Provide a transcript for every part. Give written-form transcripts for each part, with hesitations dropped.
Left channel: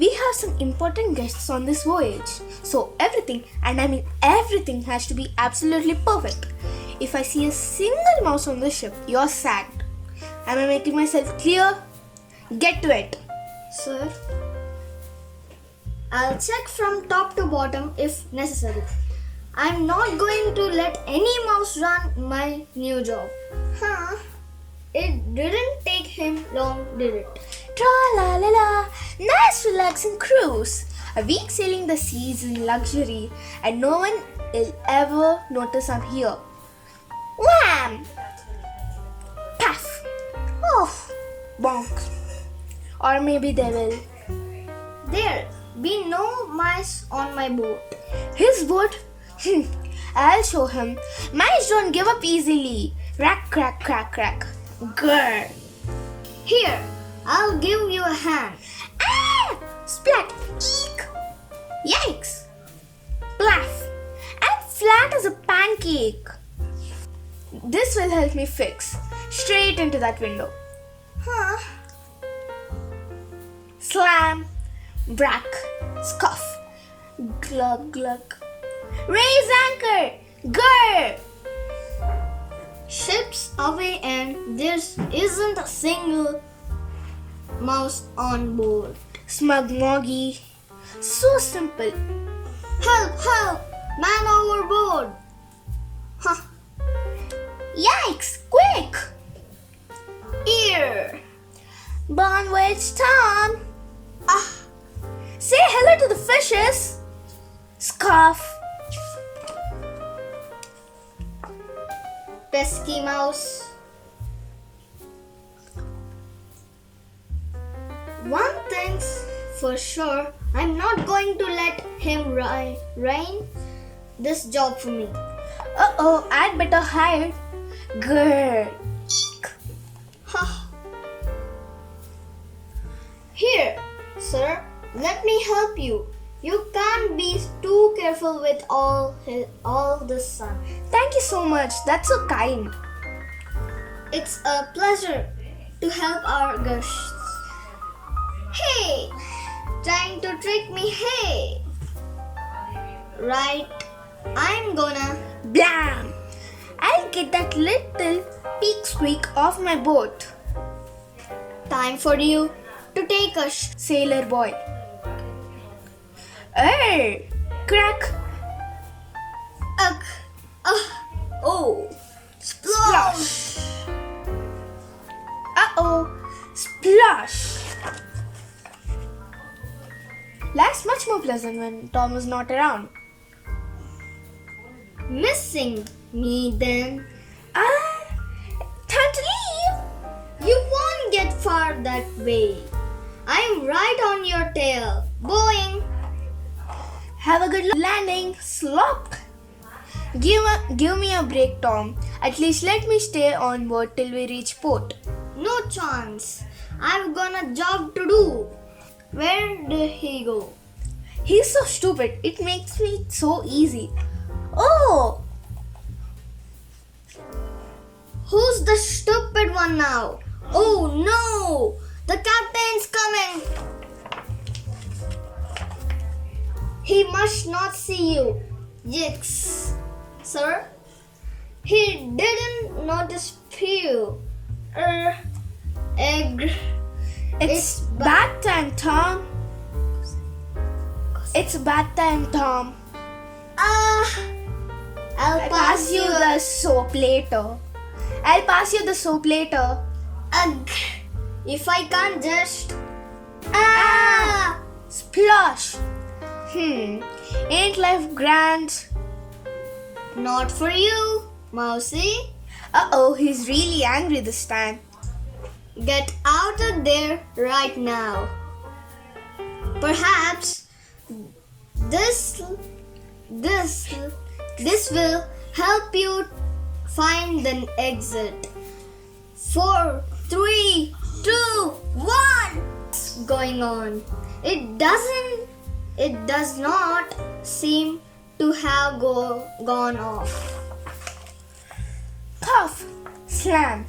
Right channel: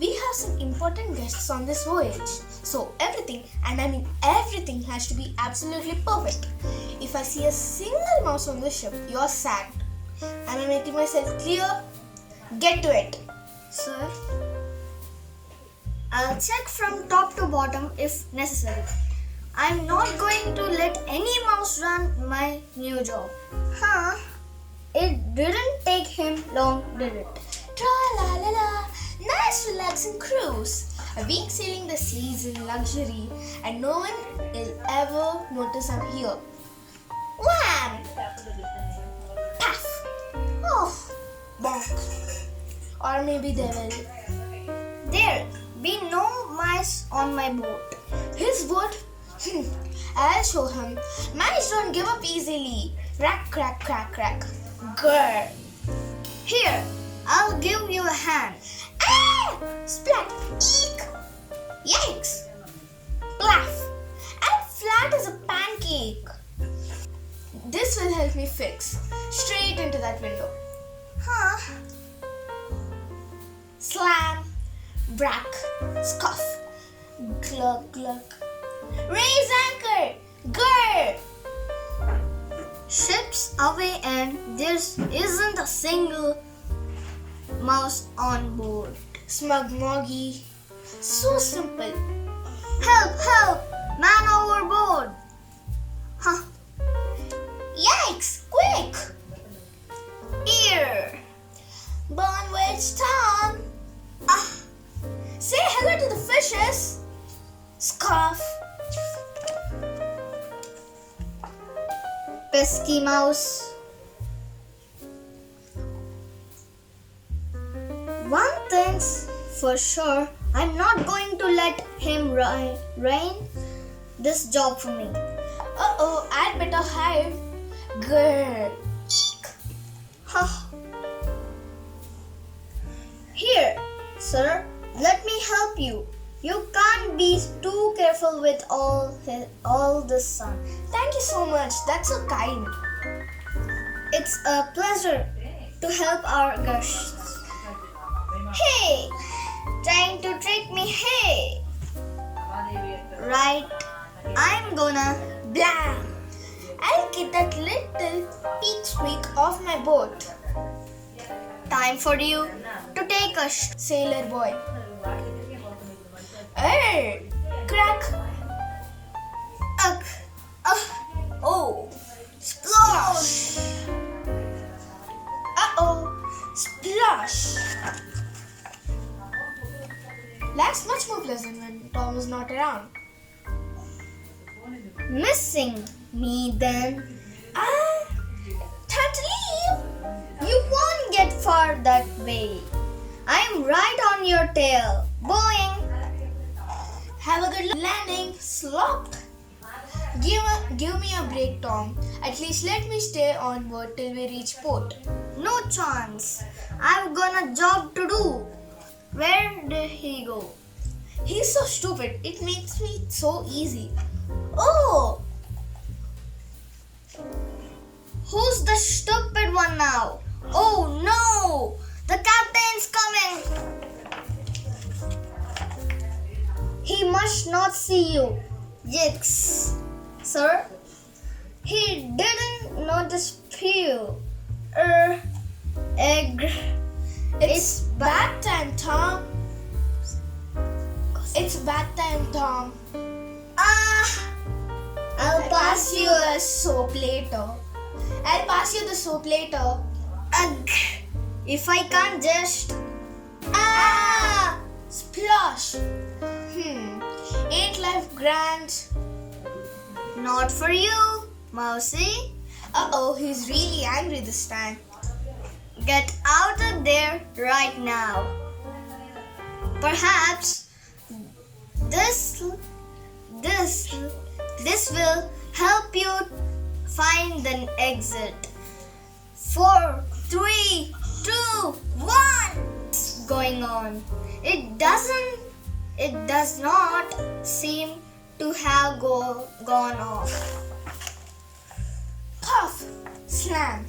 We have some important guests on this voyage, so everything, and I mean everything, has to be absolutely perfect. If I see a single mouse on the ship, you're sacked. Am I making myself clear? Get to it. Sir, I'll check from top to bottom if necessary. I'm not going to let any mouse run my new job. Huh? It didn't take him long, did it? Tra-la-la-la, nice relaxing cruise. A week sailing the seas in luxury, and no one will ever notice I'm here. Wham! Puff! Oh, bonk. Or maybe they will. There be no mice on my boat. His boat? I'll show him. Mice don't give up easily. Crack, crack, crack, crack. Grr. Here, I'll give you a hand. Ah! Splat! Eek! Yikes! Plaff! I'm flat as a pancake. This will help me fix. Straight into that window. Huh? Slam! Brack! Scuff! Glug glug! Raise anchor! Grr! Ship's away and there isn't a single mouse on board. Smug moggy. So simple. Help! Help! Man overboard! Huh? Yikes! Quick! Here! Bon voyage, Tom! Ah! Say hello to the fishes! Scarf! Pesky mouse. One thing's for sure, I'm not going to let him rain this job for me. Uh-oh, I'd better hide. Grr! Eek! Huh. Here, sir, let me help you. You can't be too careful with all this sun. Thank you so much. That's so kind. It's a pleasure to help our guests. Hey, trying to trick me? Hey, right? I'm gonna Blam! I'll get that little peak squeak off my boat. time for you to take a Sailor boy. Hey! Crack! ugh, oh, splash! Uh-oh! Splash! Life's much more pleasant when Tom is not around. Missing me then? Time to leave! You won't get far that way. I'm right on your tail. Boing! Have a good landing, slop! Give me a break, Tom. At least let me stay on board till we reach port. No chance. I've got a job to do. Where did he go? He's so stupid. It makes me so easy. Oh! Who's the stupid one now? Oh no! The captain's coming! He must not see you. Yikes. Sir? He didn't notice you. Egg. It's bath time, Tom. It's bath time, Tom. I'll pass you. the soap later. I'll pass you the soap later. Ugh. If I can't just. Splash. Ain't life grand? Not for you, Mousy. Uh-oh, he's really angry this time. Get out of there right now. Perhaps this will help you find an exit. 4, 3, 2, 1. Going on. It does not seem to have gone off. Cough. Slam.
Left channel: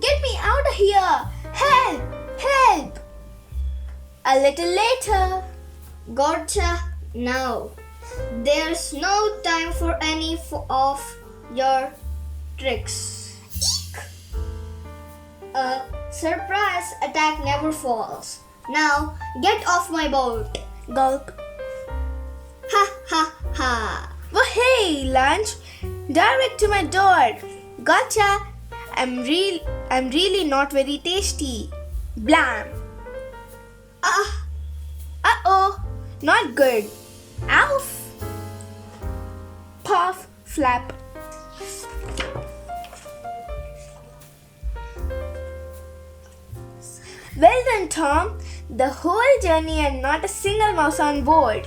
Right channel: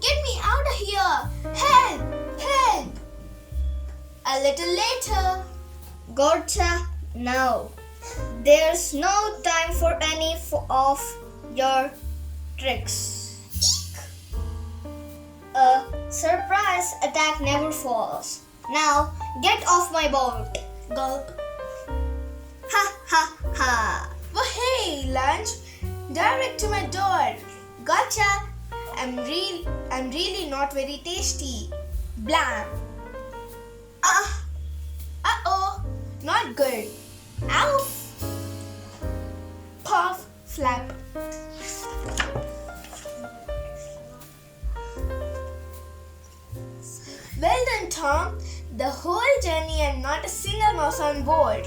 Get me out of here. Help. Help. A little later. Gotcha now. There's no time for any of your tricks. A surprise attack never falls. Now get off my boat. Gulp. Ha ha ha. Oh hey, lunch. Direct to my door. Gotcha. I'm really not very tasty. Blam. Uh-oh. Not good. Ow. Puff. Flap. Well done, Tom. The whole journey and not a single mouse on board.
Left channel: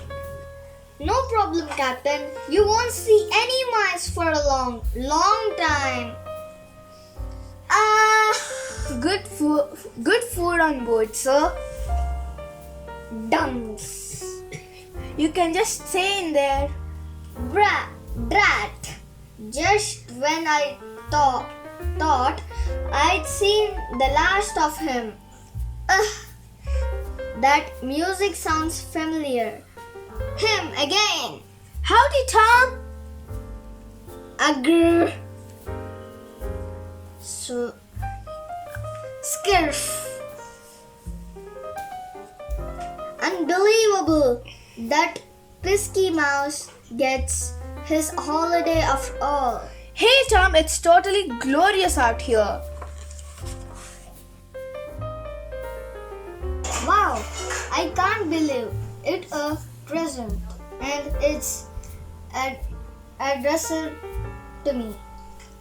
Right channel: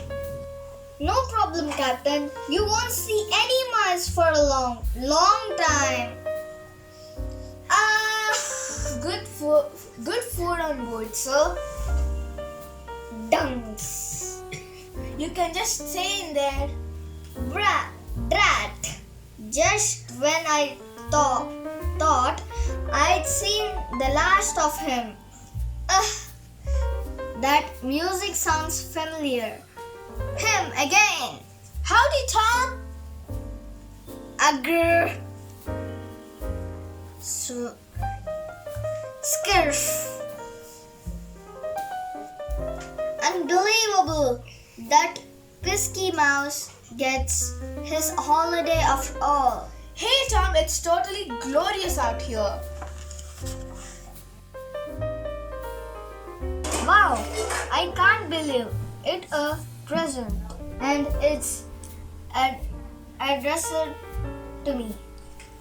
No problem, Captain. You won't see any mice for a long time. Good food on board, sir. Dunks. You can just stay in there. Drat. Just when I thought I'd seen the last of him. That music sounds familiar. Him again. Howdy, Tom. Agr. So scarf. Unbelievable that pesky mouse gets his holiday after all. Hey, Tom, it's totally glorious out here. Wow, I can't believe it a present and it's addressed to me.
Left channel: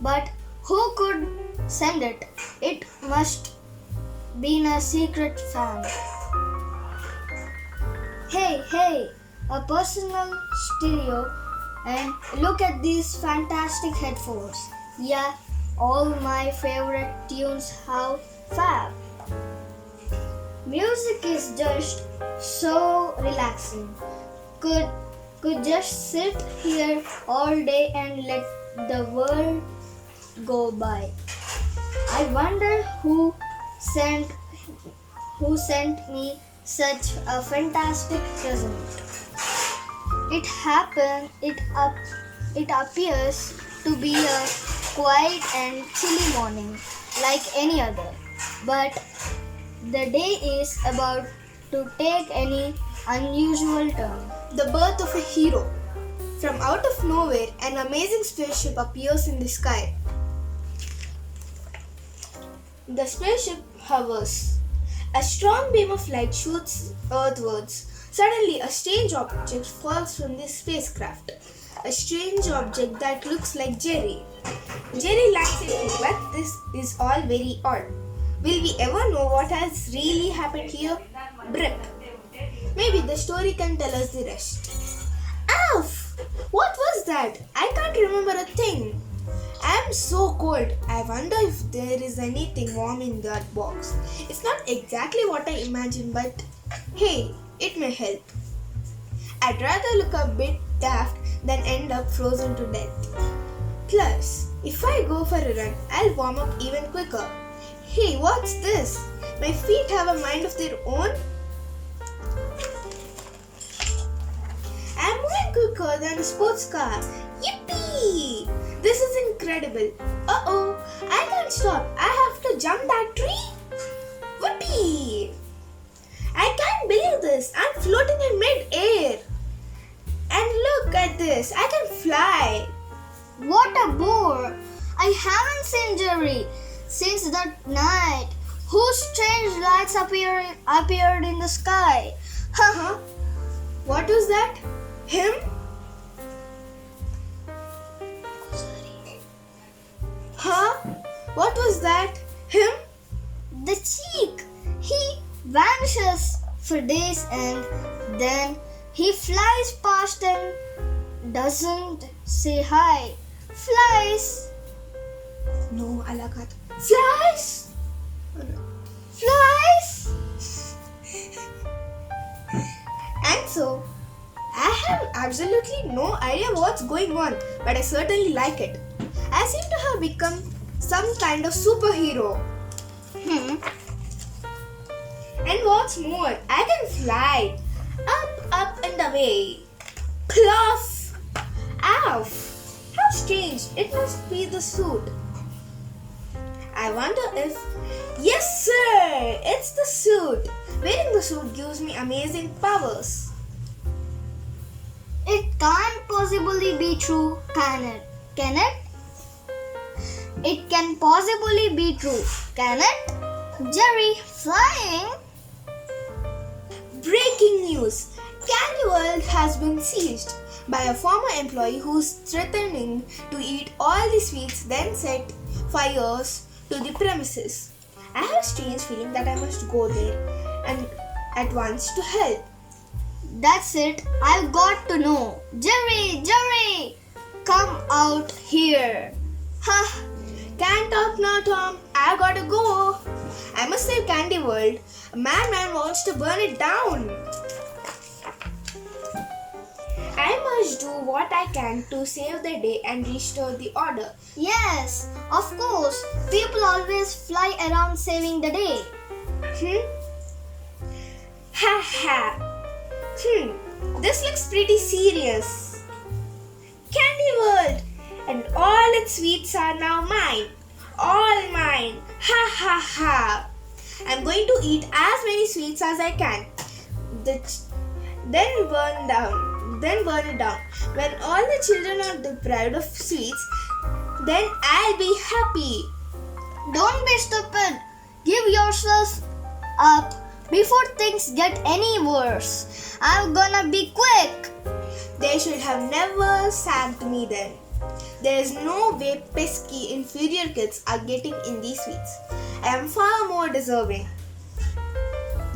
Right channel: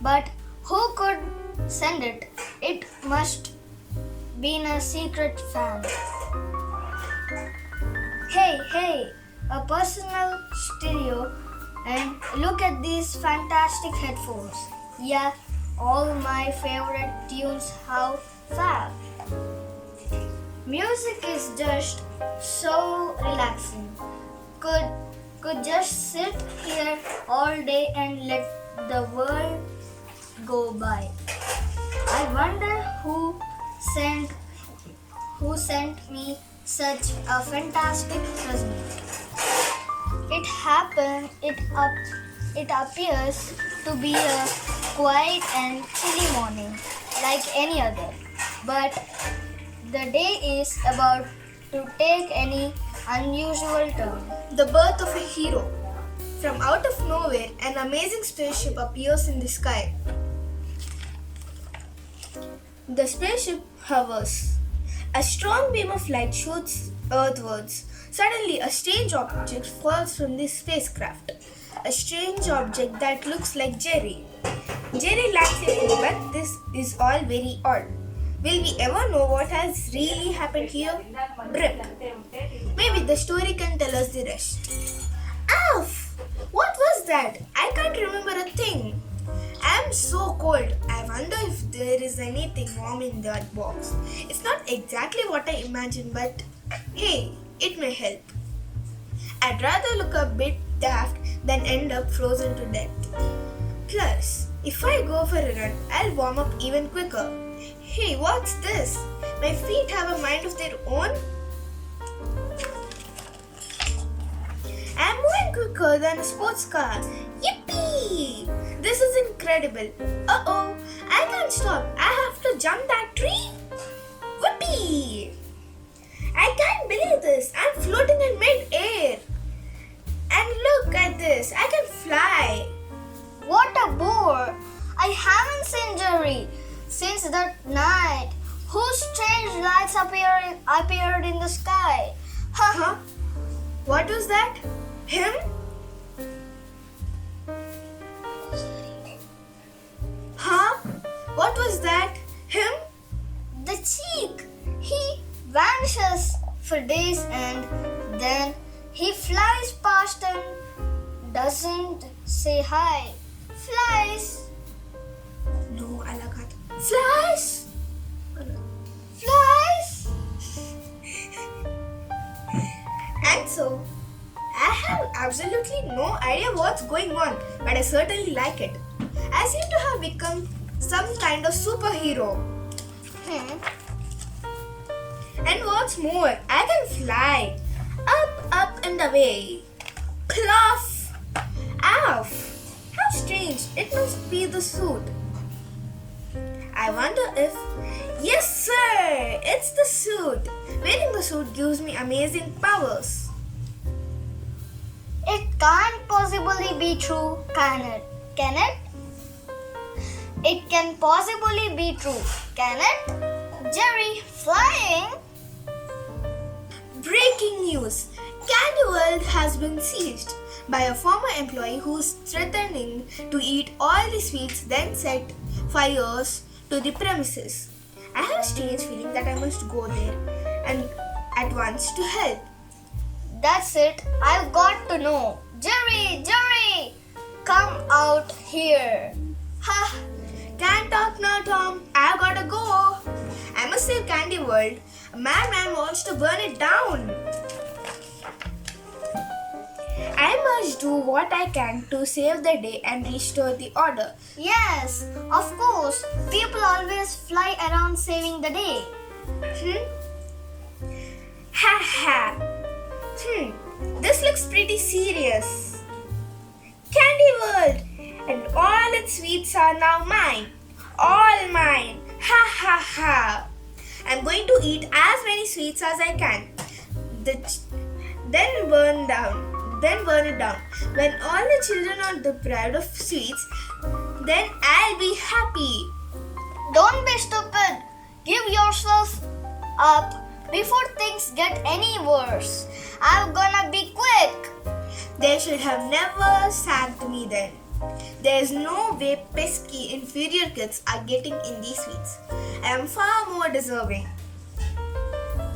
But who could send it? It must be a secret fan. Hey, a personal stereo, and look at these fantastic headphones. Yeah, all my favorite tunes, how fab. Music is just so relaxing. Could just sit here all day and let the world go by. I wonder who sent me such a fantastic present. It appears to be a quiet and chilly morning like any other. But the day is about to take any unusual turn. The birth of a hero. From out of nowhere, an amazing spaceship appears in the sky. The spaceship hovers. A strong beam of light shoots earthwards. Suddenly, a strange object falls from the spacecraft. A strange object that looks like Jerry. Jerry laughs at it, but this is all very odd. Will we ever know what has really happened here? Brip. Maybe the story can tell us the rest. Oof! What was that? I can't remember a thing. I am so cold. I wonder if there is anything warm in that box. It's not exactly what I imagined, but hey, it may help. I'd rather look a bit daft than end up frozen to death. Plus, if I go for a run, I'll warm up even quicker. Hey, what's this? My feet have a mind of their own? I'm moving quicker than a sports car. Yippee! This is incredible. Uh-oh, I can't stop. I have to jump that tree. Whoopee! I can't believe this. I'm floating in mid-air. And look at this. I can fly. What a bore! I haven't seen Jerry since that night. Whose strange lights appeared in the sky? Huh? What was that? Him? Huh? What was that? Him? The cheek! He vanishes for days and then he flies past and doesn't say hi. Flies! No, Alakat. Flies! Flies! And so, I have absolutely no idea what's going on, but I certainly like it. I seem to have become some kind of superhero. And what's more, I can fly up, up, and away. Pluff! Ow! How strange, it must be the suit. I wonder if... Yes, sir! It's the suit. Wearing the suit gives me amazing powers. It can't possibly be true, can it? Can it? It can possibly be true, can it? Jerry, flying? Breaking news! Candy World has been seized by a former employee who's threatening to eat all the sweets, then set fires to the premises. I have a strange feeling that I must go there and at once to help. That's it. I've got to know. Jerry, come out here. Ha! Can't talk now, Tom. I've gotta go. I must save Candy World. A madman wants to burn it down. I must do what I can to save the day and restore the order. Yes, of course. People always fly around saving the day. Ha ha. This looks pretty serious. Candy World and all its sweets are now mine. All mine. Ha ha ha. I'm going to eat as many sweets as I can. Then burn it down. When all the children are deprived of sweets, then I'll be happy. Don't be stupid. Give yourself up before things get any worse. I'm gonna be quick. They should have never sacked me then. There's no way pesky inferior kids are getting in these sweets. I am far more deserving.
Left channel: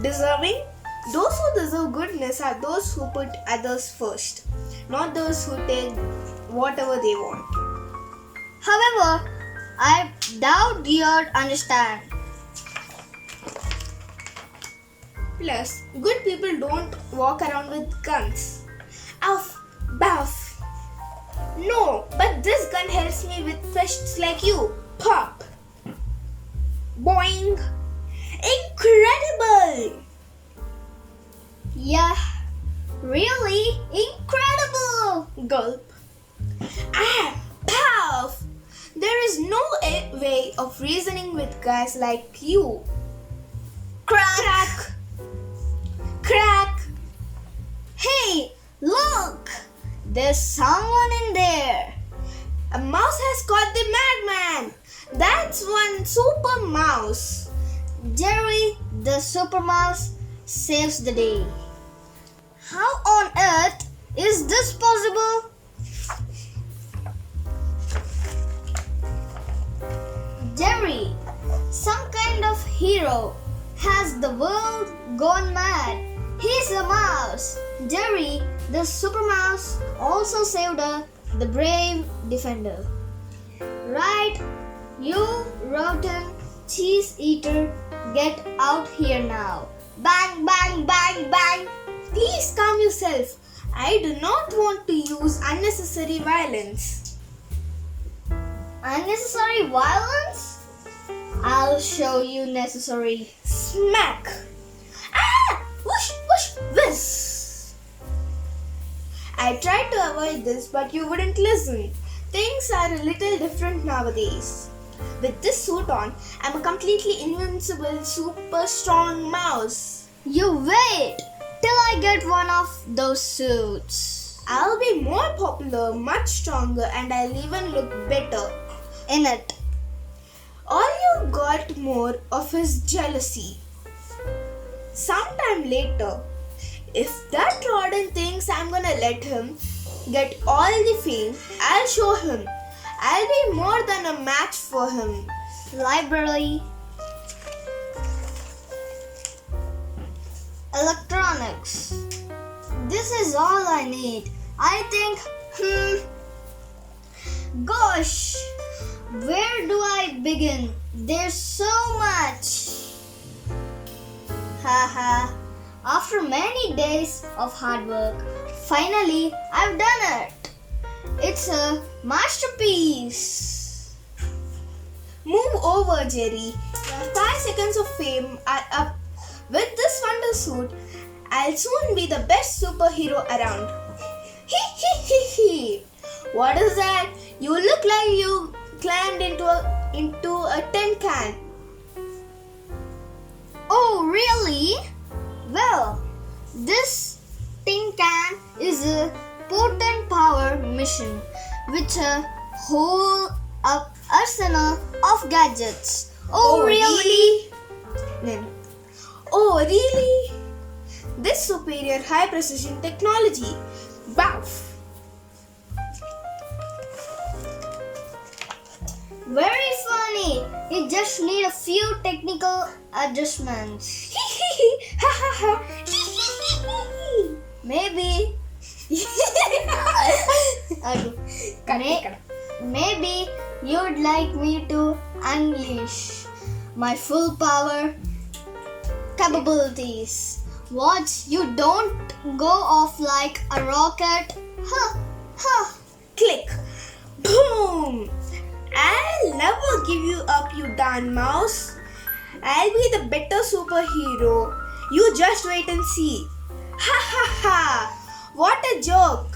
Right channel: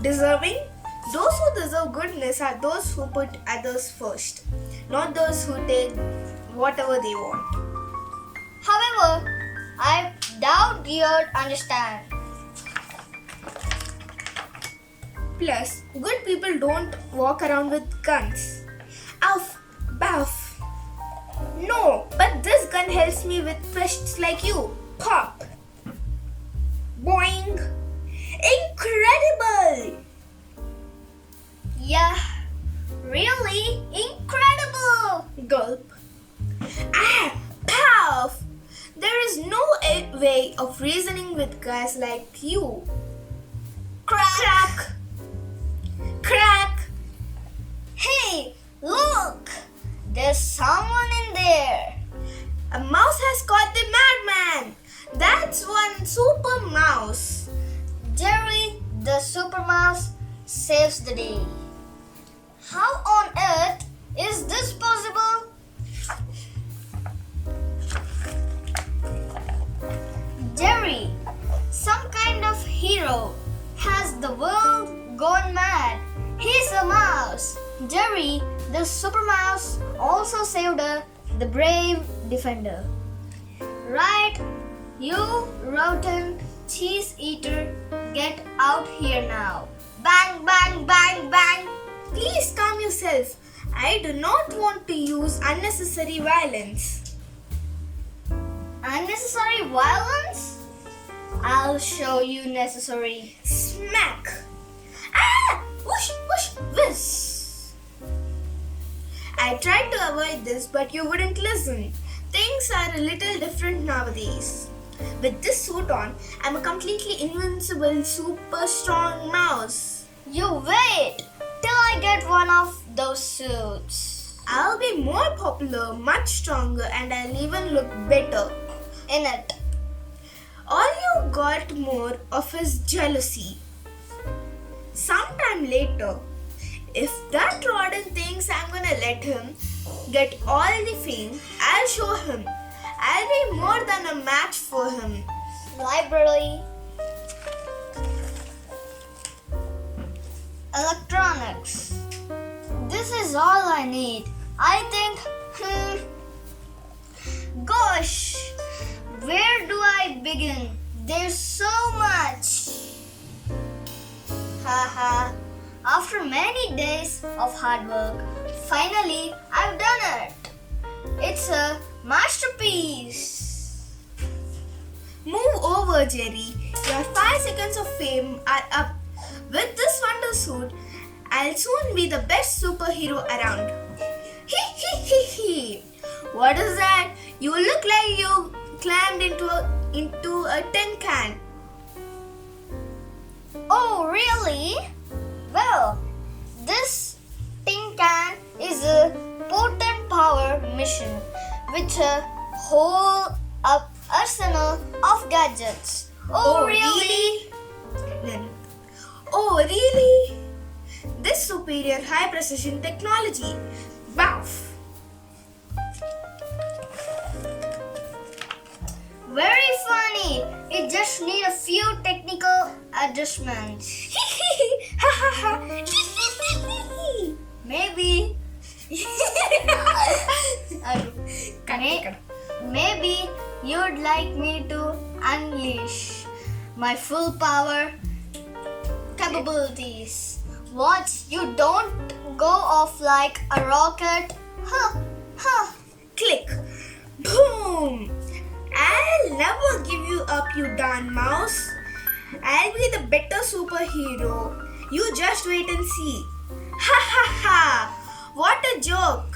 Deserving? Those who deserve goodness are those who put others first, not those who take whatever they want. However, I doubt you'd understand. Plus, good people don't walk around with guns. Uff, buff. No, but this gun helps me with pests like you. Pop. Boing. Incredible! Yeah, really incredible. Gulp. Ah, puff. There is no way of reasoning with guys like you. Crack. Crack. Hey, look! There's someone in there. A mouse has caught the madman. That's one super mouse. Jerry, the super mouse, saves the day. How on earth is this possible? Jerry, some kind of hero. Has the world gone mad? He's a mouse. Jerry, the super mouse, also saved the brave defender. Right, you rotten cheese eater, get out here now. Bang, bang, bang, bang. Please calm yourself. I do not want to use unnecessary violence. Unnecessary violence? I'll show you necessary. Smack. Ah! Whoosh, whoosh, whiz. I tried to avoid this, but you wouldn't listen. Things are a little different nowadays. With this suit on, I'm a completely invincible, super strong mouse. You wait till I get one of those suits. I'll be more popular, much stronger, and I'll even look better In it. All you got more of is jealousy. Sometime later, if that rodent thinks I'm gonna let him get all the fame, I'll show him. I'll be more than a match for him. Library. Electronics. This is all I need. I think, gosh, where do I begin? There's so much. Haha. After many days of hard work, finally I've done it. It's a masterpiece. Move over, Jerry. Your 5 seconds of fame are up. With this wonder suit, I'll soon be the best superhero around. Hee. What is that? You look like you climbed into a tin can. Oh, really? Well, this tin can is a potent power machine with a whole arsenal of gadgets. Oh, really? Then, oh, really? This superior high precision technology. Wow. Very funny. It just need a few technical adjustments. Maybe. Maybe you'd like me to unleash my full power capabilities. Watch, you don't go off like a rocket. Click. Boom. I'll never give you up, you darn mouse. I'll be the better superhero. You just wait and see. Ha ha ha. What a joke.